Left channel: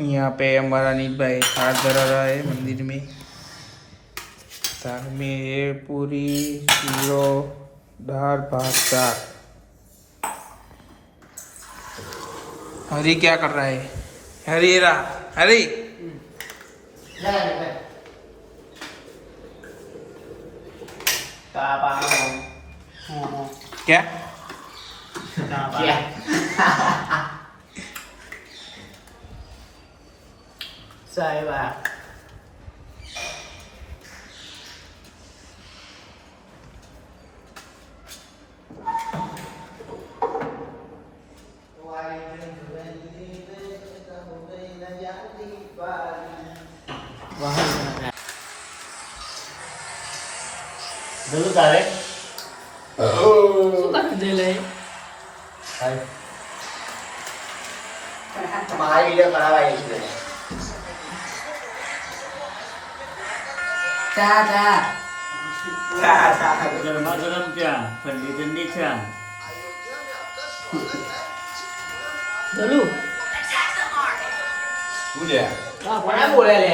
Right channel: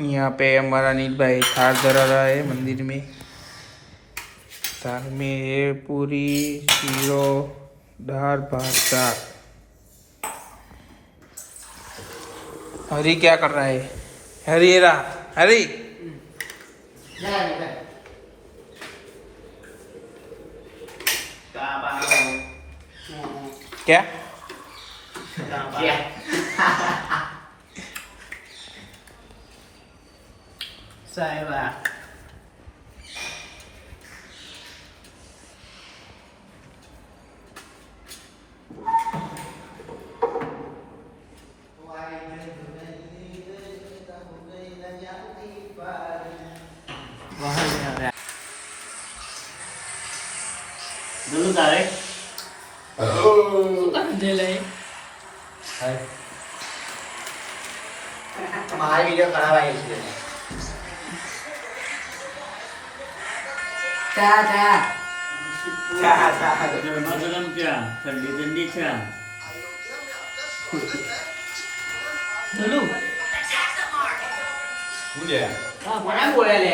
यहाँ पे हमारा नील भाई थाल धरा रहा है मंदिर में। थाल में है पूरी, शीरो, दाल, भात, साग। हरी क्या कर रहा है? हरी हरी क्या सही बात। dulu tarik suka dele hai हमारी वीडियो करा भाई इसमें चा गरम क्या ठंडी ठंडी चा dulu boleh mana boleh le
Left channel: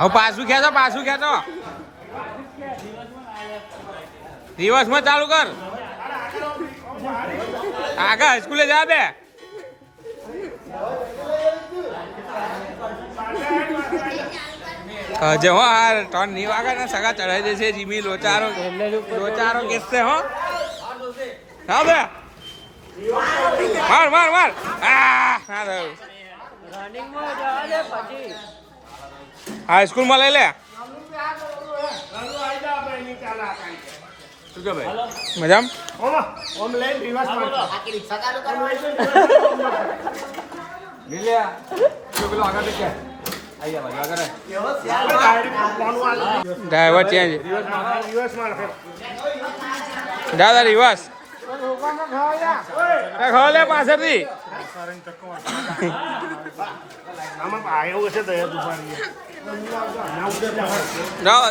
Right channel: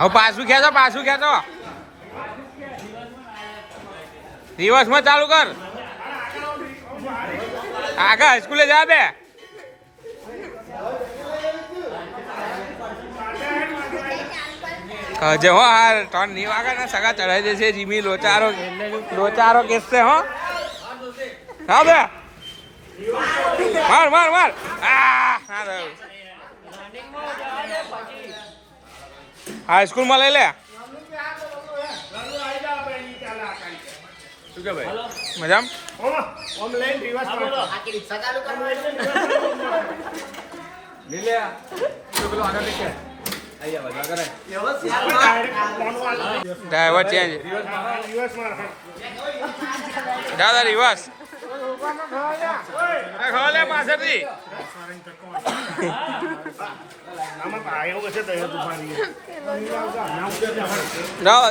હવે પાછું ખેંચો દિવસમાં ચાલુ કર આગળ સ્કૂલે જા બે જો હાર ત્રણ ની વાગે ને સગા ચડાઈ દેશે જીમી લોચારો કેસે હો હા બે માર હા સ્કૂલ માં લઈ લે મજામ ડ્રાઈવર ચેન્જ દાદા રિવર્સ ખોલે પાછળથી જાઓ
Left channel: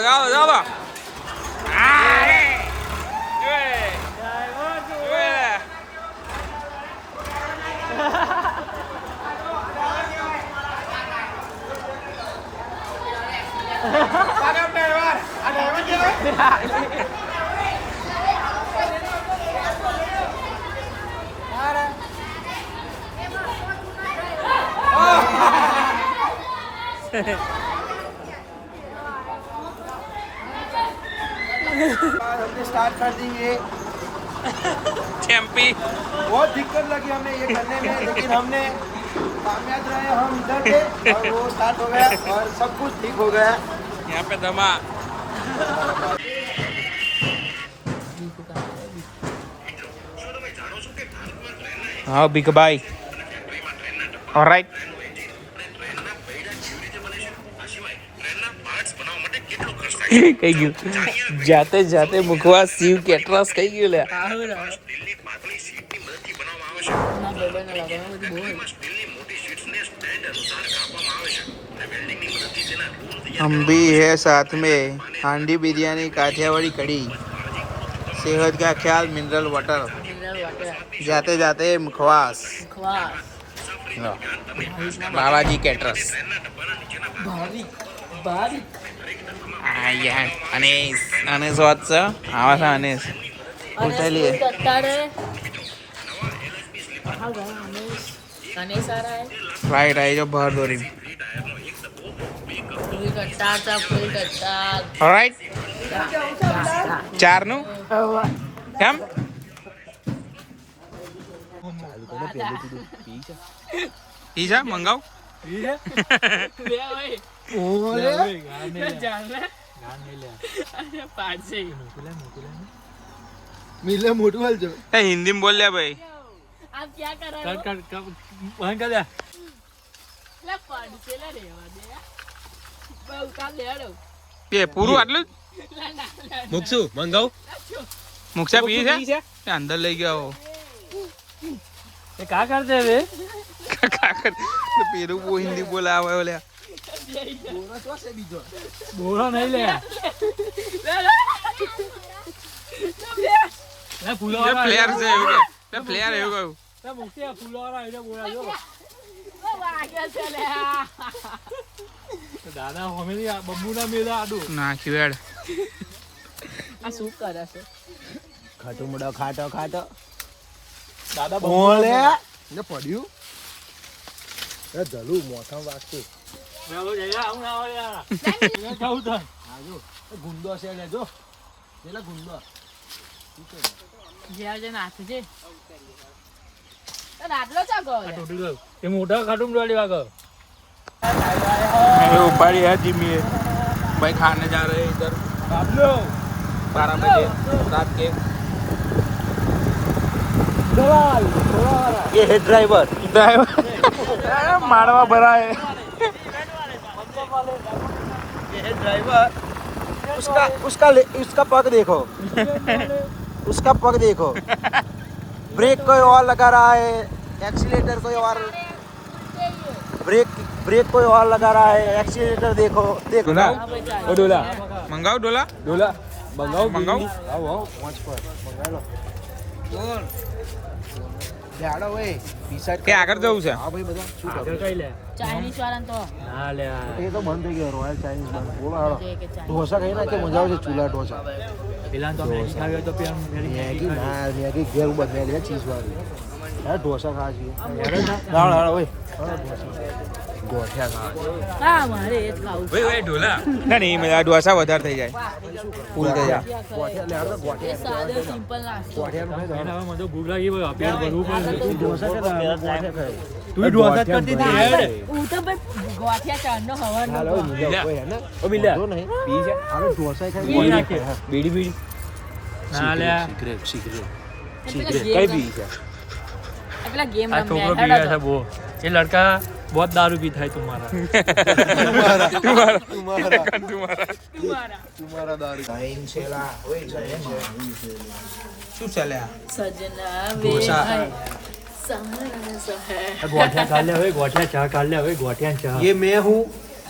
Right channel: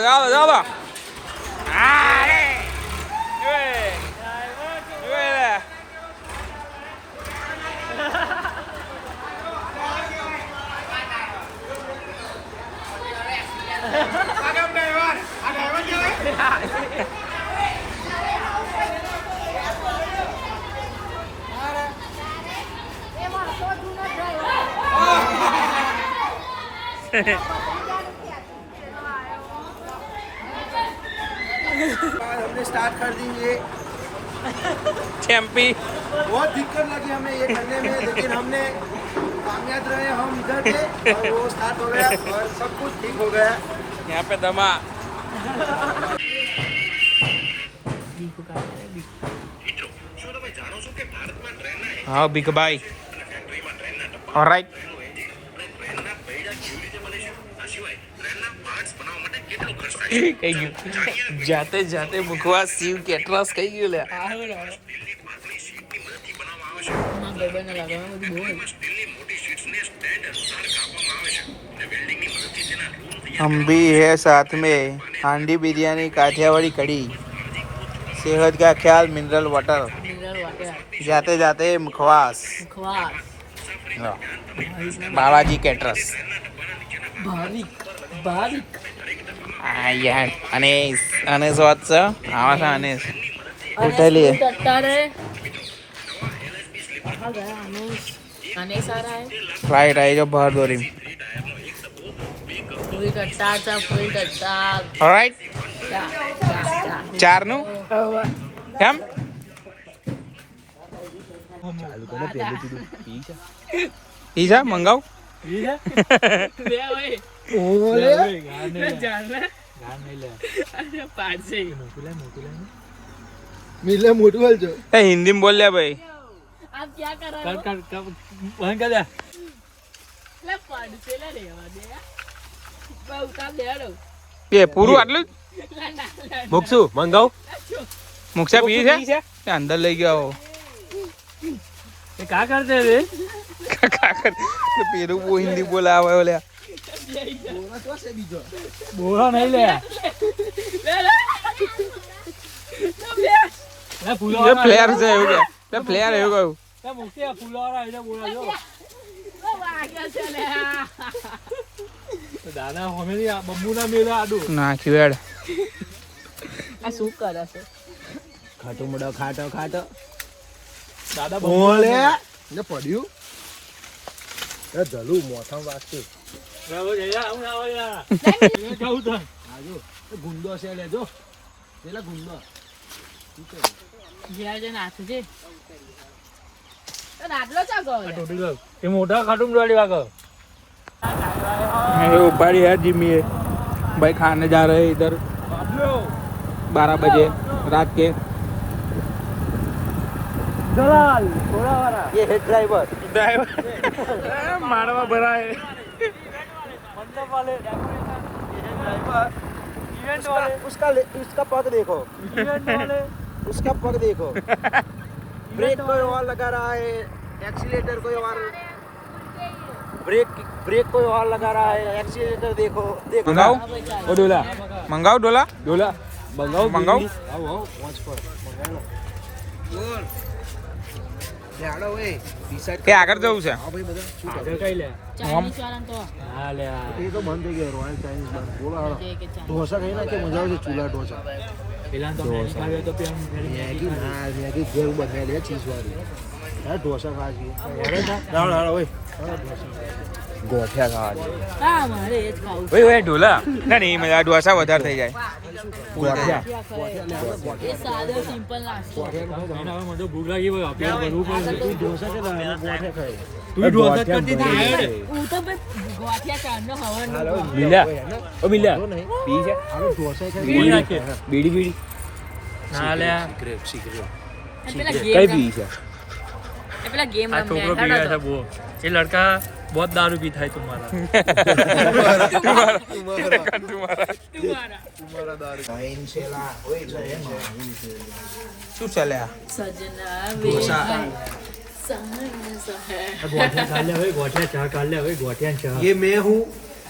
हमने स्टार्ट कर दिए चैंपी बहुत दिक्कत लगी हमें ये करने में लेकिन हमने कामयाब रहे हम इधर थे और वो स्टार्ट हो गया और सब कुछ ठीक हो गया यहाँ पे दमा हाँ बिग भाई ऑलराइट कही गયું જાતે જાતે મુખવાસ શિવ કેટરસ કઈ ગયું લે हम भी है साथ में हांडी बिरयानी काठियावाड़ी कड़ी सेहत का ख्याल मिनरल वाटर जाते जाते मुखवास बाबाजी केटरस यार अनेस वाच आवासा अनेस उठली फ्लाइट आई जो भर दोरी ऑलराइट चार नु કેમ પીઝા મંગાવ मिले मोटू वाल जो हिंदी में बोल लिया भाई आप क्या कर रहे हो वहां का जा ले पढ़ के ले रेवा देगा બહુ કામ લે લો બે પૂરું આટલું જ મૂકશું મંગાવ મુક્ષા પી છે એ અંદર લઈ ગયો એ કા કરતે રે કાકર પેલું બહુ હિન્દી બોલાવે ઓલ્યા બોરા નહીં લે એ ફૂલો એ પ્લેયર છે એવું કે તે પ્લેયર એવું કહ્યું એ મૂકશે ફૂલોવાળા એને બોલા જો વાગ્યા છે લે દાદા હોમેલી આ બબ્બુના મેલા આડું નાખી વેડ આ શું કરે છે ખાટો મોડો ખાટો ખાટો દાદા બોલે ને પડ્યું એ જલું મોથા વાગતું રેવો જયા આવું ના આવે યાર એ જાઉં તો આજો એ ગુંડો છે લેજો પેલા ગુંડો જ્યાં જે નાથ છે તો આટલો ચા ગયો આ ટોટી ગયો એ મોટા ખાટુમ જોડી વાગો ये ऊपर ही है जिमी है भाई खाने जा रहे हैं इधर બાબલો 12 बजे रात के ये है ड्राइवर ड्राइवर मारवा भरा है ये है ड्राइवर उसका पग देखो उसका पग देखो ब्रेक कोई और लगा रहा है एक्सीलेटर कोई और ब्रेक कोई और लगा रहा है एक्सीलेटर देखो देखो मंगाओ ઓ ડોલા मंगाओ डोला ડોલા મંગાવ મંગાવ आओ आओ पहुंच पर मंगा लो લાડો ભાઈ ડિસાઈડ કે આગળ જવું છે હા ભાઈ બધા શું કરો આગળ કઈ લે ચાઇનીઝ વાળા તો ના લે એ તો બંધ થઈ ગયો રોયલ ચાઇનીઝ બંધ બોલો હાલો કે ચાઇનીઝ ઢોસા ખાઈ ના કે મજા આવશે ચૂલા ઢોસા પેલા તો મેગી ખાવ્યો તો પેલા મેગી ના મેગી ઘેર બનાવી લે ચીઝ વાળી અરે ઢોસા ખાવા છીએ દાળ હાલો ભાઈ ગોઠિયા ખાવા હા મારે એ જ ખાવું ભાઈ ભાઈ ડોલા ના નહીં મજા ડોસા વધારે થઈ જાય ફૂલ થઈ જાય ગોઠિયા લે આપણે એ ગોઠિયા સાદો સિમ્પલ નાસ્તો ગોઠિયા એના મને તો ભૂખ લાગી હોય આપણે ભરવું પડે તું ઢોસા કે ગોઠિયા ખાય તું ઢોસા જ કરતી હતી હું તો બસ ગોઠિયા ચાંદનો હવાનો લીલા ઓ મિલા પી છે હાલો ઢોસા ખાય બીડી નાખે બીડી બીડી ના લે સિગરેટ પેલા ગેમ પેલા ગેમ આ છોકરો રમ્યા પી છે બહુ એ લડકા बहुत दारू पीता है तुम्हारा तुम्हारा તમારા ટાઈમ છે લા ઓય જય શું ચાલે આ સજના ઢોસા. गोठिया खा ले भाई गोठिया चाय खा ले भाई गोठिया चाय ये मैं हूँ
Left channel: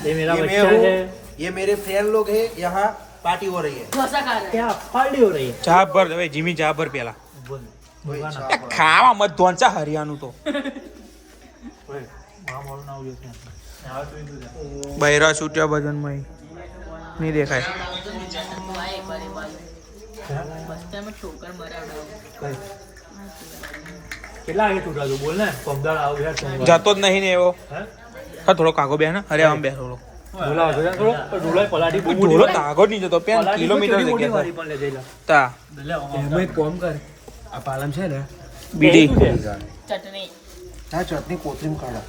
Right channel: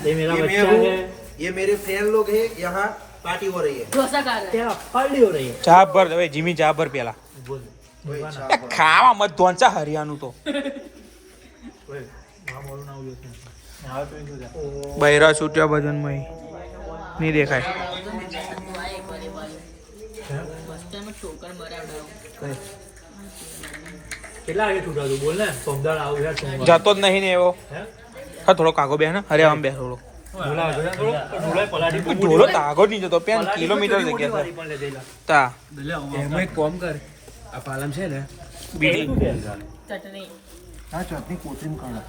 ये मेरा ये मैं बच्चा हूँ है ये मेरे फ्रेंड लोग हैं यहाँ पार्टी हो रही है ઢોસા ખાને क्या पार्टी हो रही है ચા ભર હવે જીમી ચા ભર પેલા वही એ चावल। ખાવા મત ધોંચા હરિયાનું તો બૈરા છૂટ્યા ભજનમાં નહીં દેખાય ઠોકર મરાવડાવું કેટલા આગે છૂટા તું બોલ ને સોમદાર આવ યાર સોમવાર જતો જ નહીં ને એવો હે હા થોડો કાગો બે ને અરે આમ બે થોડો બોલા આગળ થોડો ઢોલાય પલાડી ઢોલો તાગો જ નહીં જતો પેન કિલોમીટર જગ્યા છે પણ લે જઈલા તા એમાં એક કોમ કર આ પાલમ છે ને બીડી ચટણી આ ચટણી કોથમીર કાઢો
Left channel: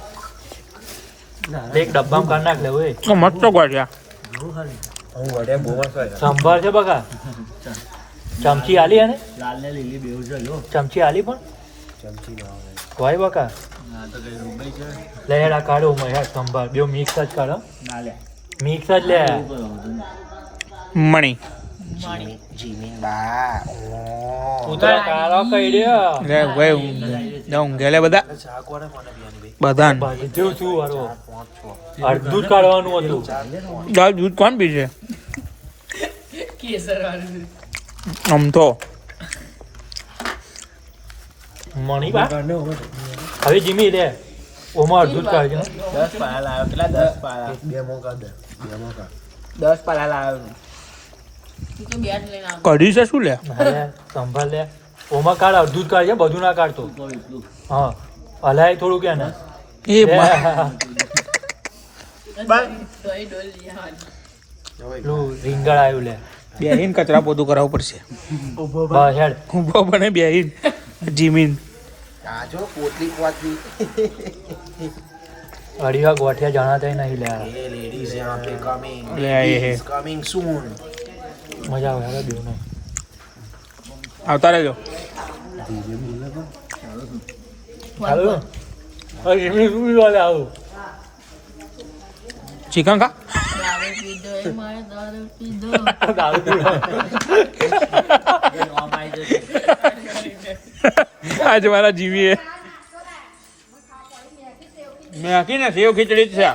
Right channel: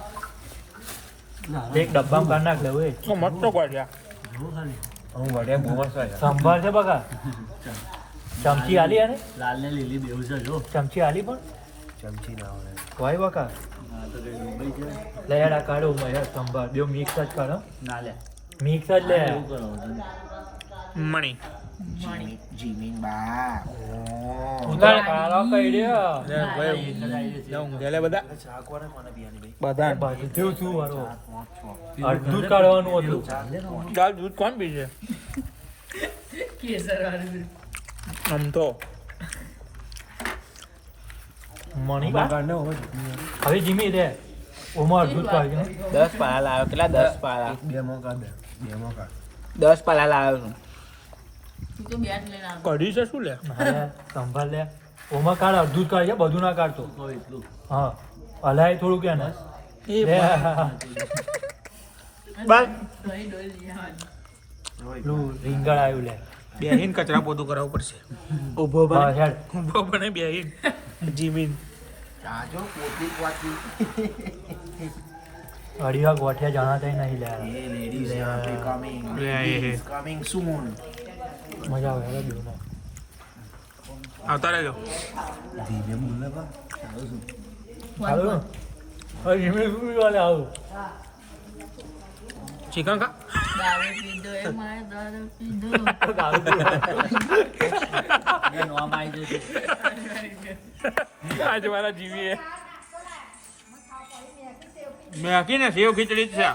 એક ડબ્બામાં કાઢ નાખ લે ઓય મસ્ત ગોઠિયા હું વડે બોવા છે સંભાર છે બકા ચમચી આલી અને લાલ ને લીલી બેવ છે જો ચમચી આલી પણ ચમચી ના હોય કોઈ બકા ના તો કઈ ડૂબાઈ છે લે યાર કાઢો માં યાર સંભાર બે મિક્સ જ કાઢો ના લે મિક્સ જ લે મણી જીમીન બા તું તો કાળો કઈ રહ્યો લે ભાઈ ઊંઘે લે બધા શાક વાળા મને બિયાની બધા બાજુ શું વાળો અડધું જ કાઢવાનું હતું દાળ દૂધ કોણ પીશે કેસર વાળું આમ તો મણી કા હવે જીમી લે ઓમાં અડધું જ કાઢજો 10 પાલા લાવ્યો કેટલા 10 પાલા બે મો કાઢ દે બે મો કાઢ 10 પાલા લાવ્યો તું તો બેટ લઈને આવ કઢી છે શું લે સંભાળ લે ઓમાં કાઢ અડધું જ કાઢજે બધું ના કાઢતો હા હલાય થોડું કે ને એ દહીં ડોલ જવાનું પેલું રીંગણ આવ્યું લે બેહીન કચરા પોતું કરાવવું પડશે બસ હેડ ઊભો બને બેહીન જીમીન આજો પોટલી પોટલી અડીવા ગોઠિયા જણાતા નહીં લે ये लेडीज यहाँ पे कमिंग ले आए हैं। कमिंग सून મજા આવે હેડો બીજું આવતા રહેજો આવું ચિકન ખા દારૂ પીધો એ મારે દારૂ પીધો આજ મારા જીવીએ મેકીને સેવ ખીચડી જ છે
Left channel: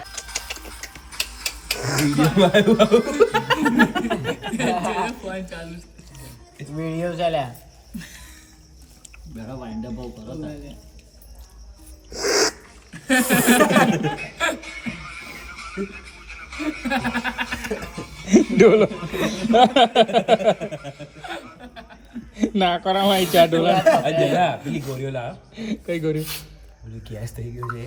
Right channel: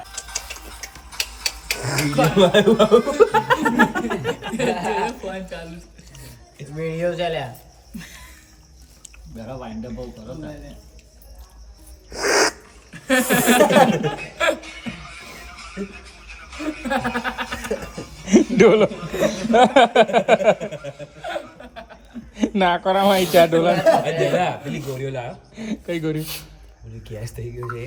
ફોન ચાલુ વિડીયો ચાલ્યા બેરા વાઇન્ડ અપ કરો ડોલો ના કરામાં ચા ડોલા પેલી ગોળીઓ લાવ કઈ ગોરી ગેસ થઈ ગયો છે